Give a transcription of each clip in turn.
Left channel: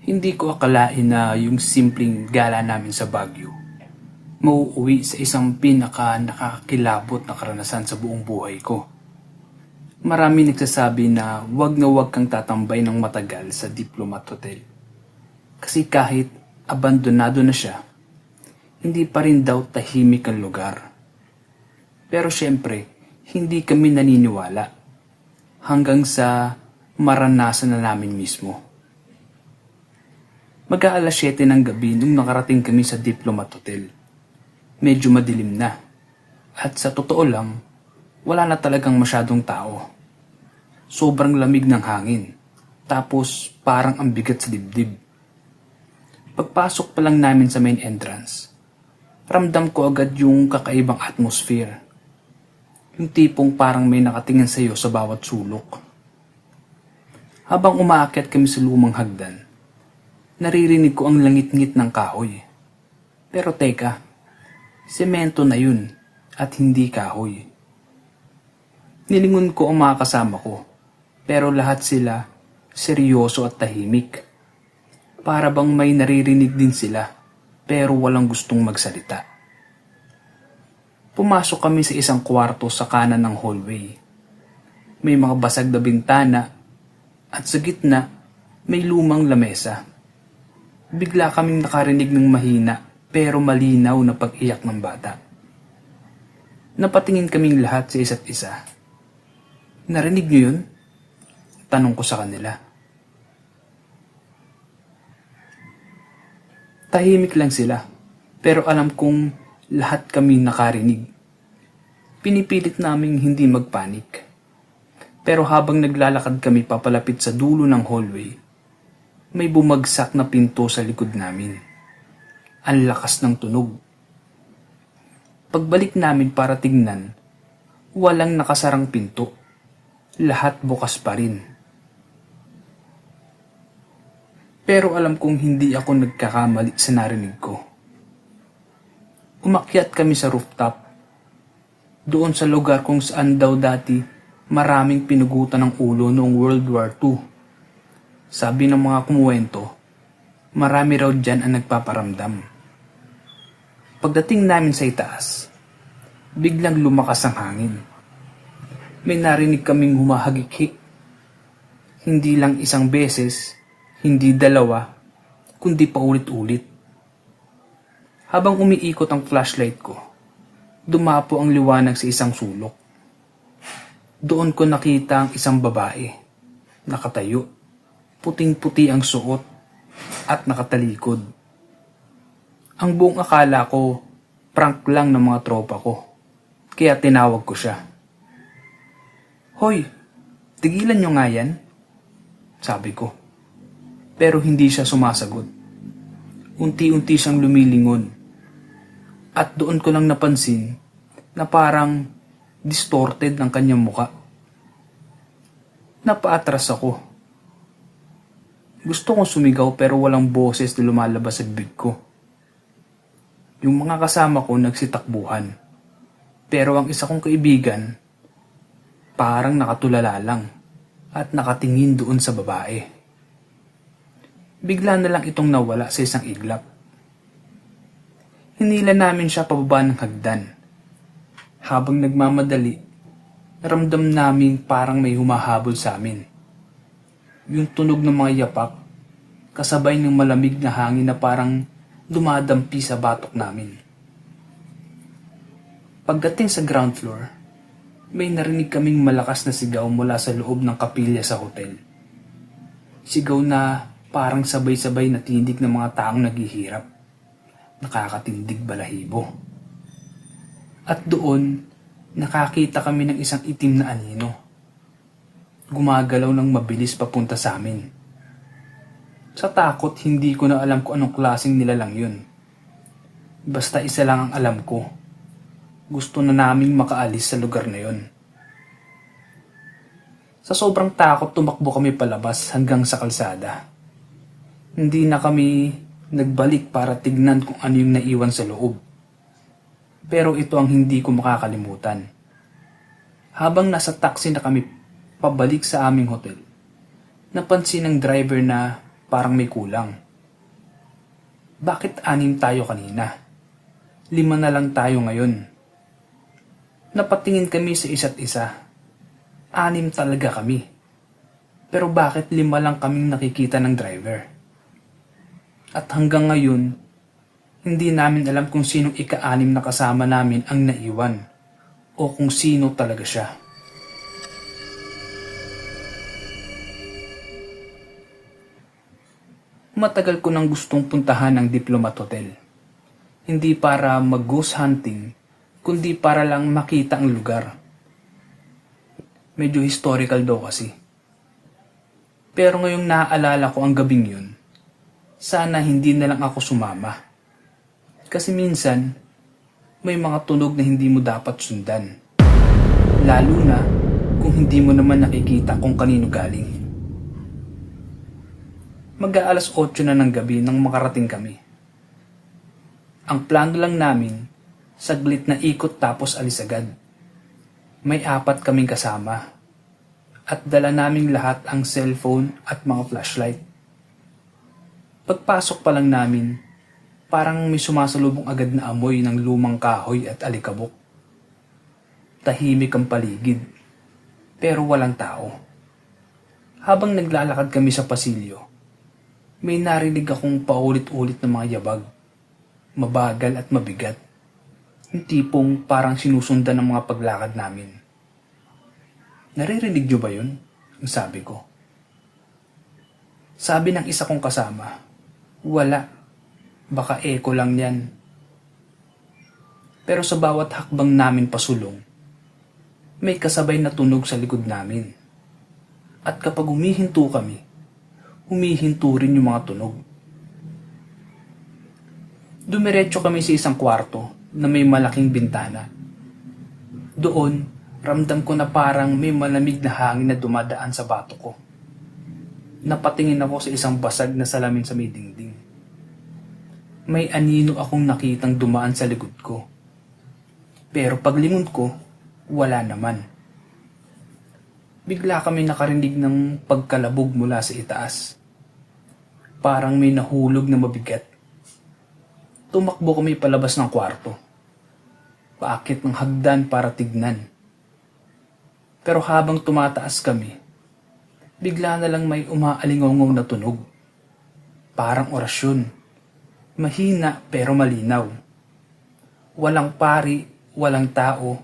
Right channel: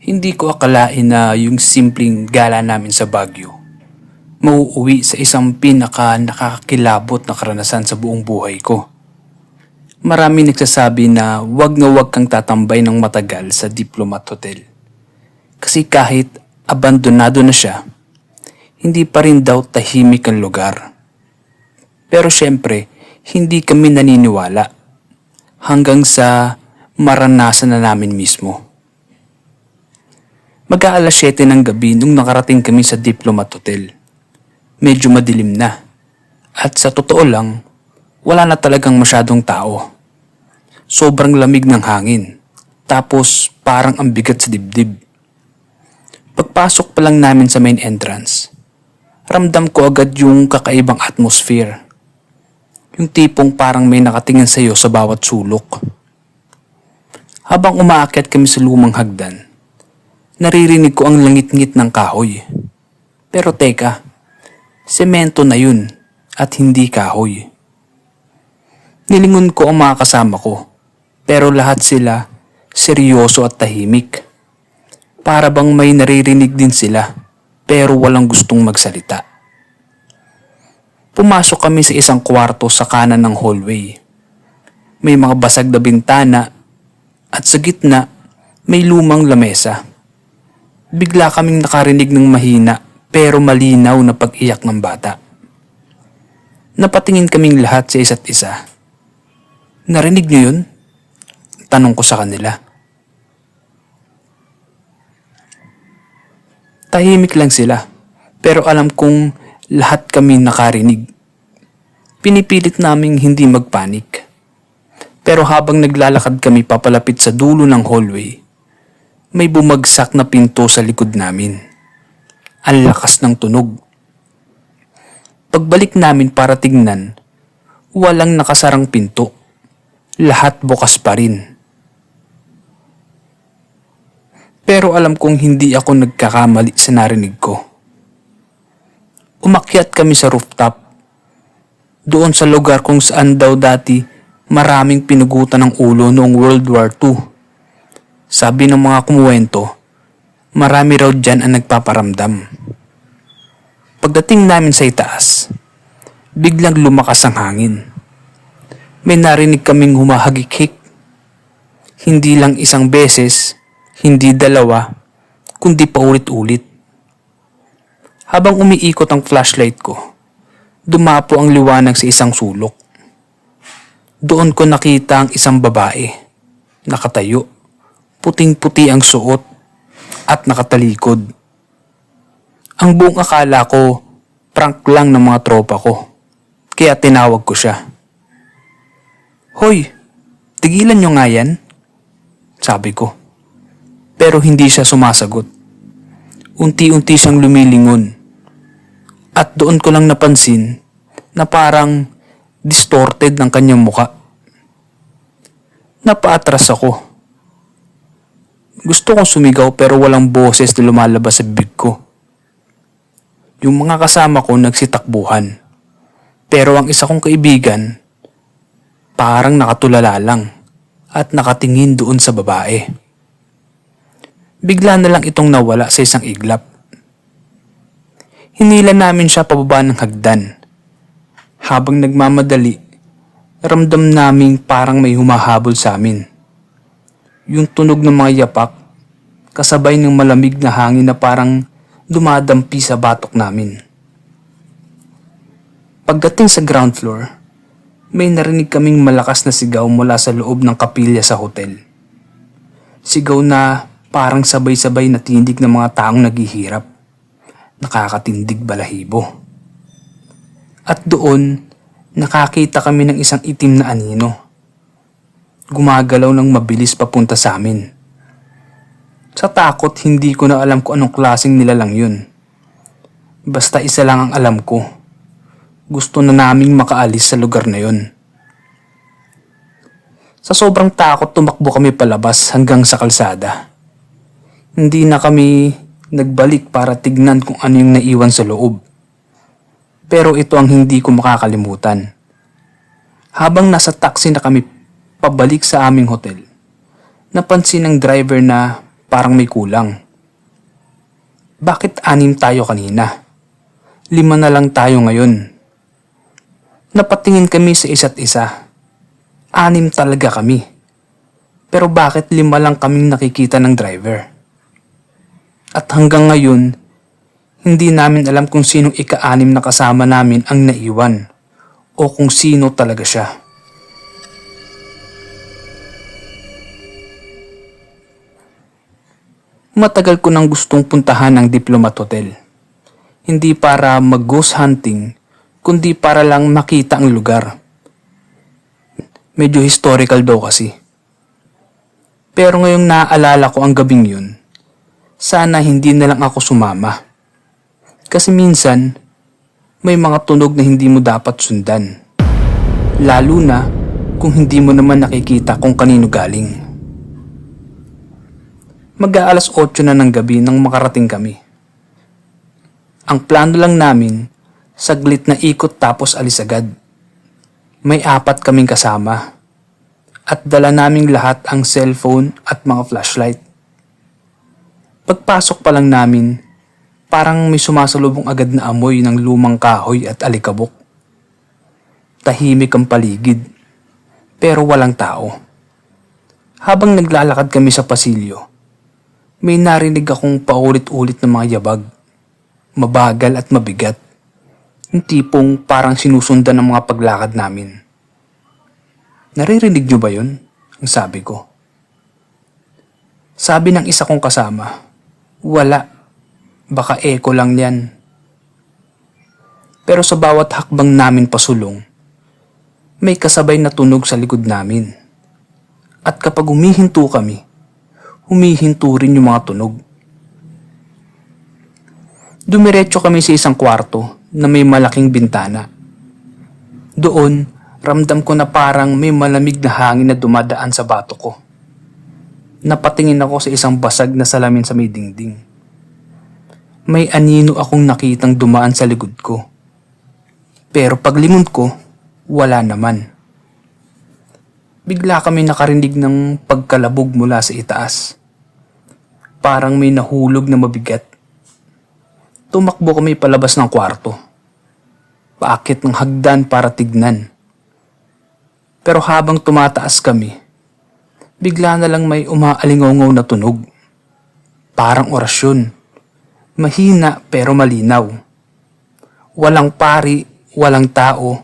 Hindi ko akalain na yung simpleng gala namin sa Baguio mauuwi sa isang pinaka nakakakilabot na karanasan sa buong buhay ko. Marami nagsasabi na wag na wag kang tatambay ng matagal sa Diplomat Hotel. Kasi kahit abandonado na siya, hindi pa rin daw tahimik ang lugar. Pero syempre, hindi kami naniniwala hanggang sa maranasan na namin mismo. Mag-aalas 7 ng gabi nung nakarating kami sa Diplomat Hotel. Medyo madilim na. At sa totoo lang, wala na talagang masyadong tao. Sobrang lamig ng hangin. Tapos parang ang bigat sa dibdib. Pagpasok pa lang namin sa main entrance, ramdam ko agad yung kakaibang atmosphere. Yung tipong parang may nakatingin sa iyo sa bawat sulok. Habang umaakyat kami sa lumang hagdan, naririnig ko ang langit-ngit ng kahoy. Pero teka, semento na yun at hindi kahoy. Nilingon ko ang mga kasama ko, pero lahat sila seryoso at tahimik. Para bang may naririnig din sila, pero walang gustong magsalita. Pumasok kami sa isang kwarto sa kanan ng hallway. May mga basag na bintana at sa gitna may lumang lamesa. Bigla kaming nakarinig ng mahina pero malinaw na pag-iyak ng bata. Napatingin kaming lahat sa isa't isa. Narinig niyo yun? Tanong ko sa kanila. Tahimik lang sila, pero alam kong lahat kami nakarinig. Pinipilit naming hindi magpanik. Pero habang naglalakad kami papalapit sa dulo ng hallway, may bumagsak na pinto sa likod namin. Ang lakas ng tunog. Pagbalik namin para tingnan, walang nakasarang pinto. Lahat bukas pa rin. Pero alam kong hindi ako nagkakamali sa narinig ko. Umakyat kami sa rooftop. Doon sa lugar kung saan daw dati maraming pinugutan ng ulo noong World War II. Sabi ng mga kumuwento, marami raw dyan ang nagpaparamdam. Pagdating namin sa itaas, biglang lumakas ang hangin. May narinig kaming humahagik-hik. Hindi lang isang beses, hindi dalawa, kundi paulit-ulit. Habang umiikot ang flashlight ko, dumapo ang liwanag sa isang sulok. Doon ko nakita ang isang babae, nakatayo, puting-puti ang suot at nakatalikod. Ang buong akala ko, prank lang ng mga tropa ko. Kaya tinawag ko siya. Hoy, tigilan nyo nga yan. Sabi ko. Pero hindi siya sumasagot. Unti-unti siyang lumilingon. At doon ko lang napansin na parang distorted ng kanyang muka. Napaatras ako. Gusto kong sumigaw pero walang boses na lumalabas sa bibig ko. Yung mga kasama ko nagsitakbuhan. Pero ang isa kong kaibigan, parang nakatulala lang at nakatingin doon sa babae. Bigla na lang itong nawala sa isang iglap. Hinila namin siya pababa ng hagdan. Habang nagmamadali, ramdam namin parang may humahabol sa amin. Yung tunog ng mga yapak, kasabay ng malamig na hangin na parang dumadampi sa batok namin. Pagdating sa ground floor, may narinig kaming malakas na sigaw mula sa loob ng kapilya sa hotel. Sigaw na parang sabay-sabay na tindig ng mga taong naghihirap. Nakakatindig balahibo. At doon, nakakita kami ng isang itim na anino. Gumagalaw ng mabilis papunta sa amin. Sa takot, hindi ko na alam kung anong klaseng nilalang yun. Basta isa lang ang alam ko. Gusto na naming makaalis sa lugar na yun. Sa sobrang takot, tumakbo kami palabas hanggang sa kalsada. Hindi na kami nagbalik para tignan kung ano yung naiwan sa loob. Pero ito ang hindi ko makakalimutan. Habang nasa taxi na kami pabalik sa aming hotel, napansin ng driver na parang may kulang. Bakit anim tayo kanina? Lima na lang tayo ngayon. Napatingin kami sa isa't isa. Anim talaga kami. Pero bakit lima lang kaming nakikita ng driver? At hanggang ngayon, hindi namin alam kung sinong ika-anim na kasama namin ang naiwan o kung sino talaga siya. Matagal ko nang gustong puntahan ang Diplomat Hotel. Hindi para mag-ghost hunting, kundi para lang makita ang lugar. Medyo historical daw kasi. Pero ngayong naaalala ko ang gabing yun, sana hindi na lang ako sumama. Kasi minsan, may mga tunog na hindi mo dapat sundan. Lalo na kung hindi mo naman nakikita kung kanino galing. Mag-aalas 8 na ng gabi nang makarating kami. Ang plano lang namin, saglit na ikot tapos alis agad. May apat kaming kasama. At dala naming lahat ang cellphone at mga flashlight. Pagpasok pa lang namin, parang may sumasalubong agad na amoy ng lumang kahoy at alikabok. Tahimik ang paligid, pero walang tao. Habang naglalakad kami sa pasilyo, may narinig akong paulit-ulit na mga yabag. Mabagal at mabigat. Yung tipong parang sinusundan ng mga paglakad namin. Naririnig niyo ba yun? Ang sabi ko. Sabi ng isa kong kasama, wala. Baka echo lang yan. Pero sa bawat hakbang namin pasulong, may kasabay na tunog sa likod namin. At kapag humihinto kami, humihinto rin yung mga tunog. Dumiretso kami sa isang kwarto na may malaking bintana. Doon, ramdam ko na parang may malamig na hangin na dumadaan sa bato ko. Napatingin ako sa isang basag na salamin sa may dingding. May anino akong nakitang dumaan sa likod ko. Pero paglingon ko, wala naman. Bigla kami nakarinig ng pagkalabog mula sa itaas. Parang may nahulog na mabigat. Tumakbo kami palabas ng kwarto. Paakit ng hagdan para tignan. Pero habang tumataas kami, bigla na lang may umaalingongaw na tunog. Parang orasyon. Mahina pero malinaw. Walang pari, walang tao,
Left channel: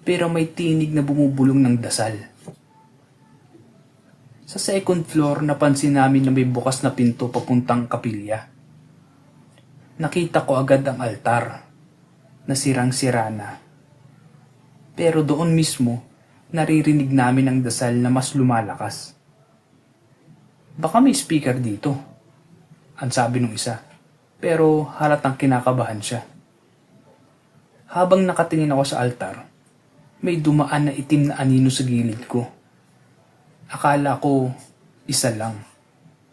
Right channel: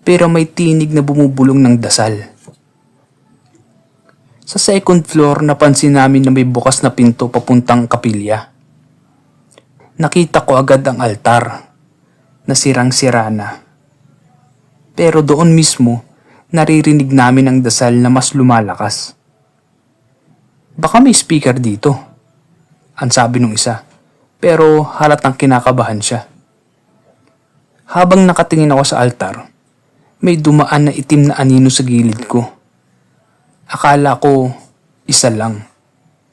pero may tinig na bumubulong ng dasal. Sa second floor, napansin namin na may bukas na pinto papuntang kapilya. Nakita ko agad ang altar na sirang-sira na. Pero doon mismo, naririnig namin ang dasal na mas lumalakas. Baka may speaker dito, ang sabi nung isa. Pero halatang kinakabahan siya. Habang nakatingin ako sa altar, may dumaan na itim na anino sa gilid ko. Akala ko isa lang,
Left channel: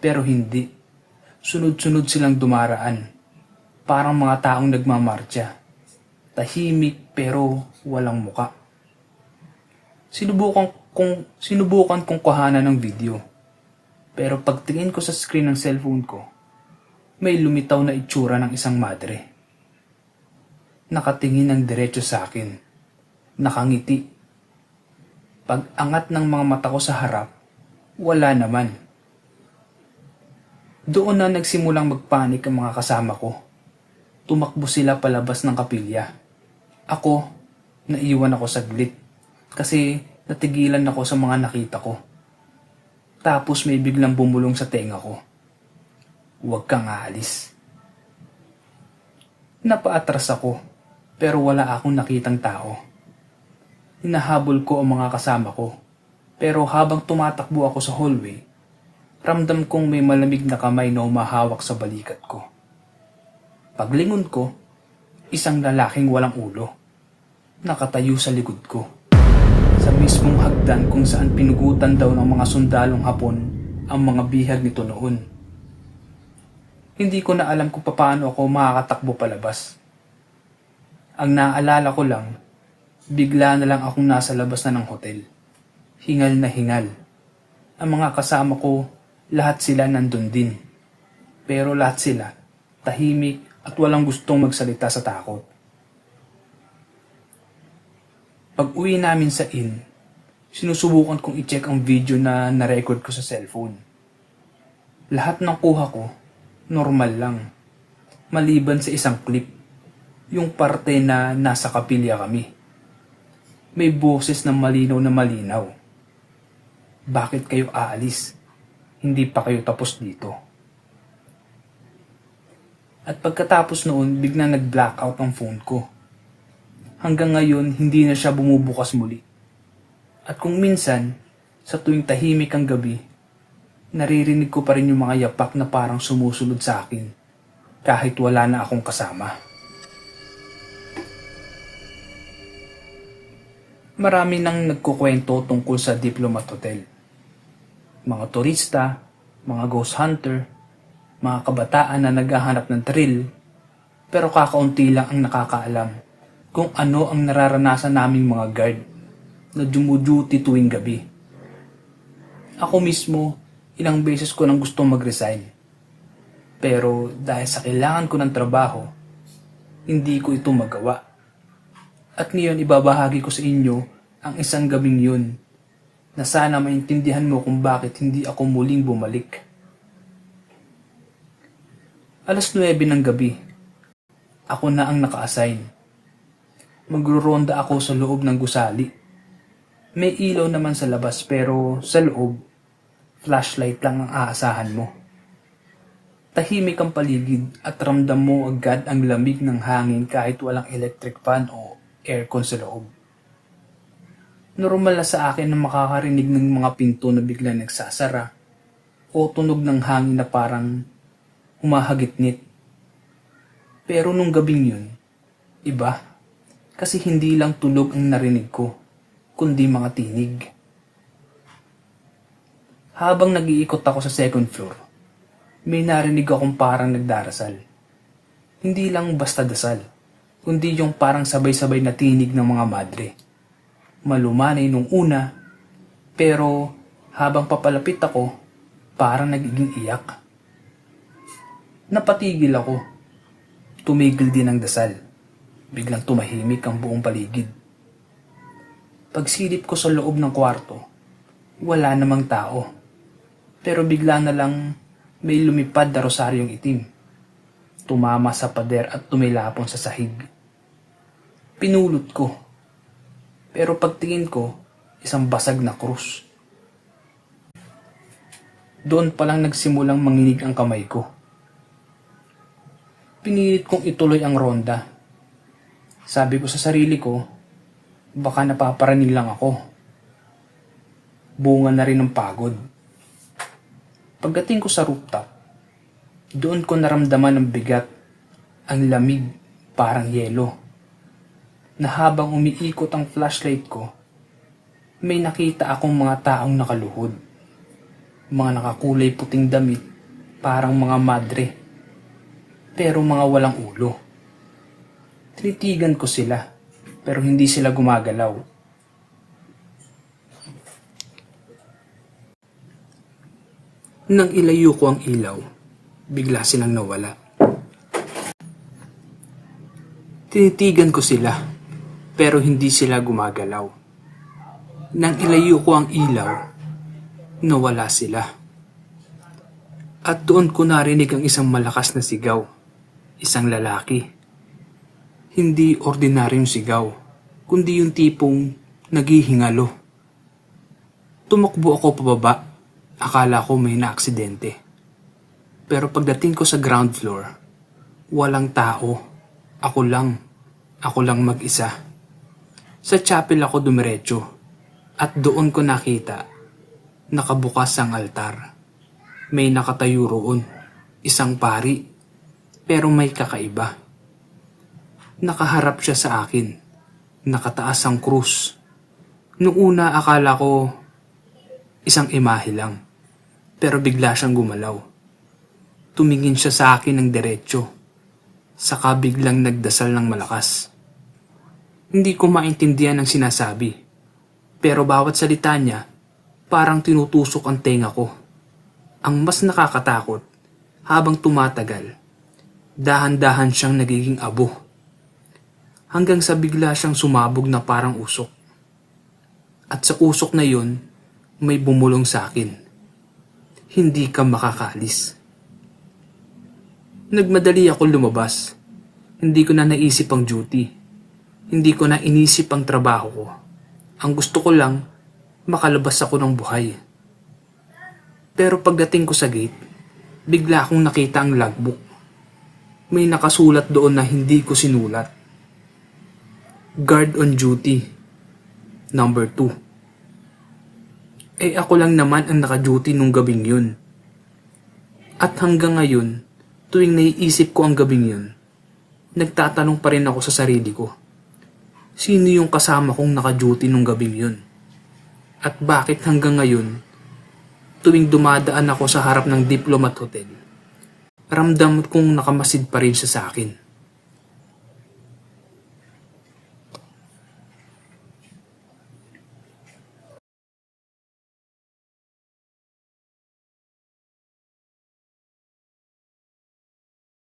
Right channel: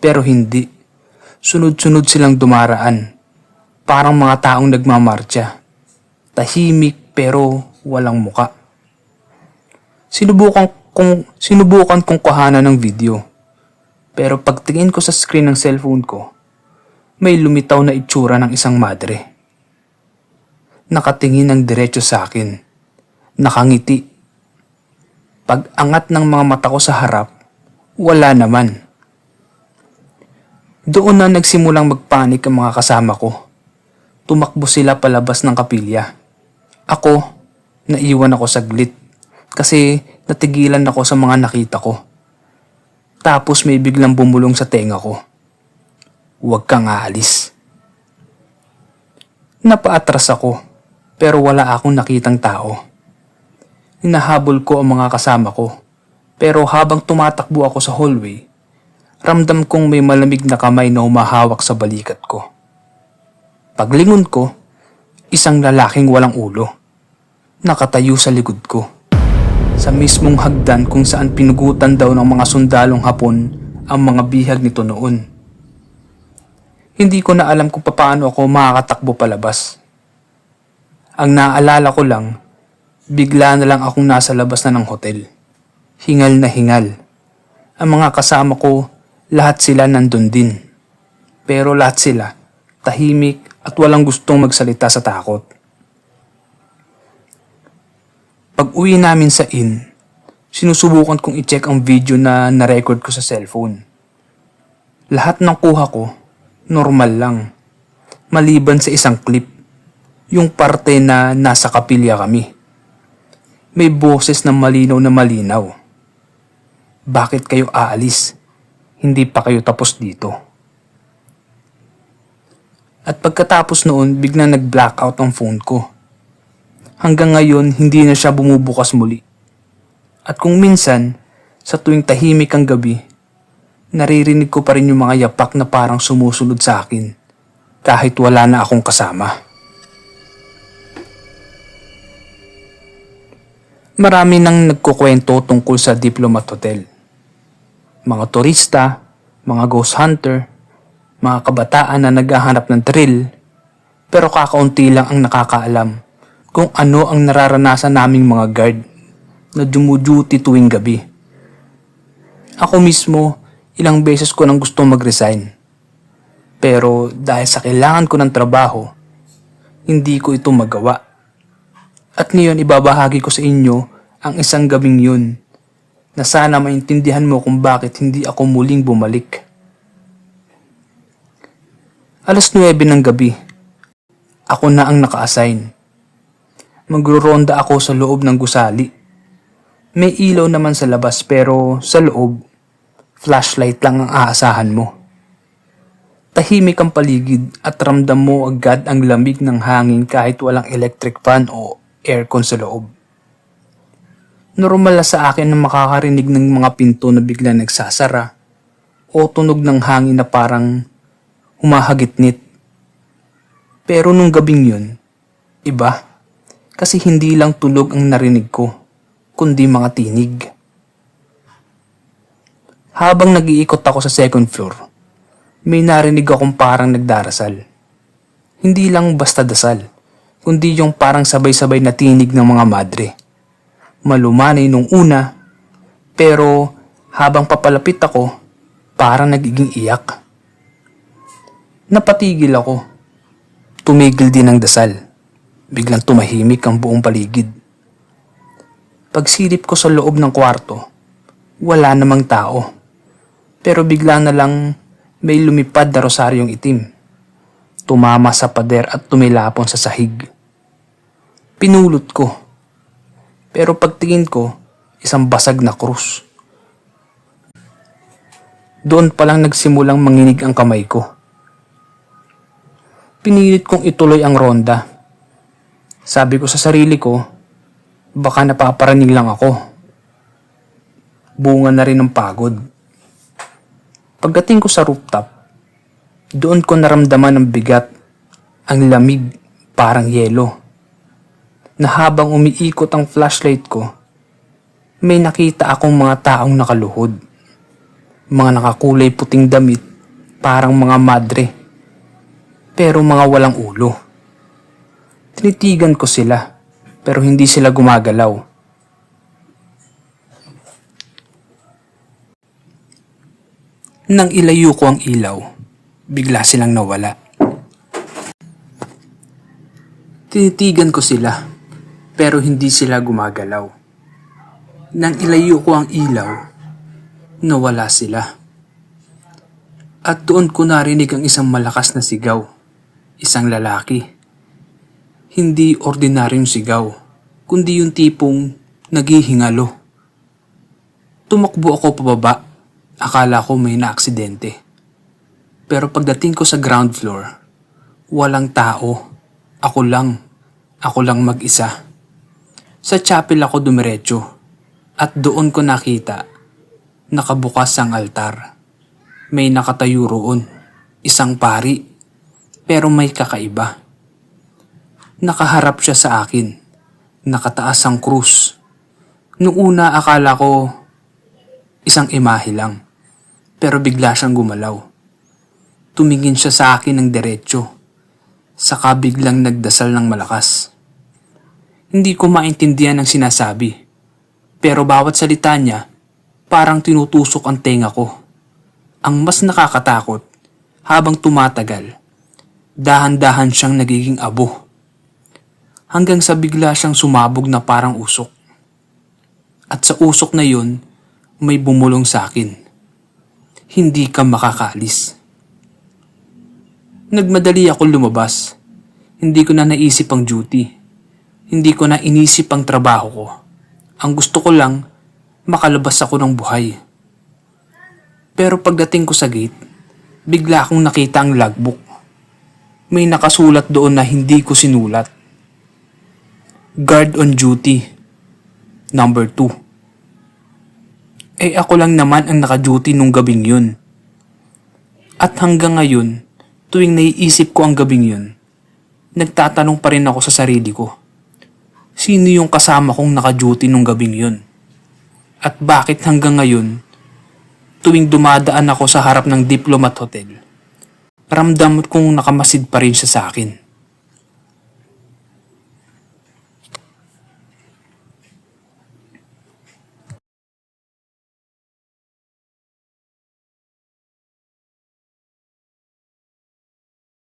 pero hindi. Sunod-sunod silang dumaraan. Parang mga taong nagmamarcha. Tahimik pero walang muka. Sinubukan kong, sinubukan kong kuhanan ng video. Pero pagtingin ko sa screen ng cellphone ko, may lumitaw na itsura ng isang madre. Nakatingin ng diretso sa akin. Nakangiti. Pag angat ng mga mata ko sa harap, wala naman. Doon na nagsimulang magpanik ang mga kasama ko. Tumakbo sila palabas ng kapilya. Ako, naiwan ako saglit kasi natigilan ako sa mga nakita ko. Tapos may biglang bumulong sa tenga ko. Huwag kang aalis. Napaatras ako pero wala akong nakitang tao. Hinahabol ko ang mga kasama ko pero habang tumatakbo ako sa hallway, ramdam kong may malamig na kamay na humahawak sa balikat ko. Paglingon ko, isang lalaking walang ulo. Nakatayo sa likod ko. Sa mismong hagdan kung saan pinugutan daw ng mga sundalong hapon ang mga bihag nito noon. Hindi ko na alam kung paano ako makakatakbo palabas. Ang naalala ko lang, bigla na lang akong nasa labas na ng hotel. Hingal na hingal. Ang mga kasama ko lahat sila nandun din. Pero lahat sila, tahimik at walang gustong magsalita sa takot. Pag uwi namin sa inn, sinusubukan kong i-check ang video na na-record ko sa cellphone. Lahat ng kuha ko, normal lang. Maliban sa isang clip, yung parte na nasa kapilya kami. May boses na malinaw na malinaw. Bakit kayo aalis? Hindi pa kayo tapos dito. At pagkatapos noon, biglang nag-blackout ang phone ko. Hanggang ngayon, hindi na siya bumubukas muli. At kung minsan, sa tuwing tahimik ang gabi, naririnig ko pa rin yung mga yapak na parang sumusunod sa akin kahit wala na akong kasama. Marami nang nagkukwento tungkol sa Diplomat Hotel. Mga turista, mga ghost hunter, mga kabataan na naghahanap ng thrill, pero kakaunti lang ang nakakaalam kung ano ang nararanasan naming mga guard na dumuduty tuwing gabi. Ako mismo, ilang beses ko nang gustong mag-resign. Pero dahil sa kailangan ko ng trabaho, hindi ko ito magawa. At ngayon ibabahagi ko sa inyo ang isang gabing yun na sana maintindihan mo kung bakit hindi ako muling bumalik. Alas 9 ng gabi, ako na ang naka-assign. Magruronda ako sa loob ng gusali. May ilaw naman sa labas pero sa loob, flashlight lang ang aasahan mo. Tahimik ang paligid at ramdam mo agad ang lamig ng hangin kahit walang electric fan o aircon sa loob. Normal na sa akin na makakarinig ng mga pinto na bigla nagsasara o tunog ng hangin na parang humahagitnit. Pero nung gabing yun, iba. Kasi hindi lang tunog ang narinig ko, kundi mga tinig. Habang nag-iikot ako sa second floor, may narinig akong parang nagdarasal. Hindi lang basta dasal, kundi yung parang sabay-sabay na tinig ng mga madre. Malumanay nung una, pero habang papalapit ako, parang nagiging iyak. Napatigil ako. Tumigil din ang dasal. Biglang tumahimik ang buong paligid. Pagsilip ko sa loob ng kwarto, wala namang tao. Pero bigla na lang may lumipad na rosaryong itim. Tumama sa pader at tumilapon sa sahig. Pinulot ko. Pero pagtingin ko, isang basag na krus. Doon palang nagsimulang manginig ang kamay ko. Pinilit kong ituloy ang ronda. Sabi ko sa sarili ko, baka napaparaning lang ako. Bunga na rin ng pagod. Pagdating ko sa rooftop, doon ko naramdaman ng bigat, ang lamig, parang yelo. Na habang umiikot ang flashlight ko, may nakita akong mga taong nakaluhod. Mga nakakulay puting damit, parang mga madre. Pero mga walang ulo. Tinitigan ko sila, pero hindi sila gumagalaw. Nang ilayo ko ang ilaw, bigla silang nawala. Tinitigan ko sila, pero hindi sila gumagalaw. Nang ilayo ko ang ilaw, nawala sila. At doon ko narinig ang isang malakas na sigaw, isang lalaki. Hindi ordinaryong sigaw, kundi yung tipong naghihingalo. Tumakbo ako pababa Akala ko may naaksidente. Pero pagdating ko sa ground floor, walang tao. Ako lang. Ako lang mag-isa. Sa chapel ako dumiretso at doon ko nakita nakabukas ang altar. May nakatayo roon, isang pari, pero may kakaiba. Nakaharap siya sa akin, nakataas ang krus. Noong una akala ko isang imahe lang pero bigla siyang gumalaw. Tumingin siya sa akin ng diretsyo, saka biglang nagdasal ng malakas. Hindi ko maintindihan ang sinasabi, pero bawat salita niya parang tinutusok ang tenga ko. Ang mas nakakatakot, habang tumatagal, dahan-dahan siyang nagiging abo. Hanggang sa bigla siyang sumabog na parang usok. At sa usok na yun, may bumulong sa akin. Hindi ka makakalis. Nagmadali ako lumabas. Hindi ko na naisip ang duty. Hindi ko na inisip ang trabaho ko. Ang gusto ko lang, makalabas ako ng buhay. Pero pagdating ko sa gate, bigla akong nakita ang logbook. May nakasulat doon na hindi ko sinulat. Guard on duty. Number 2. Eh ako lang naman ang naka-duty nung gabing yun. At hanggang ngayon, tuwing naiisip ko ang gabing yun, nagtatanong pa rin ako sa sarili ko. Sino yung kasama kong naka-duty nung gabing yun? At bakit hanggang ngayon, tuwing dumadaan ako sa harap ng Diplomat Hotel, ramdam kong nakamasid pa rin siya sa akin.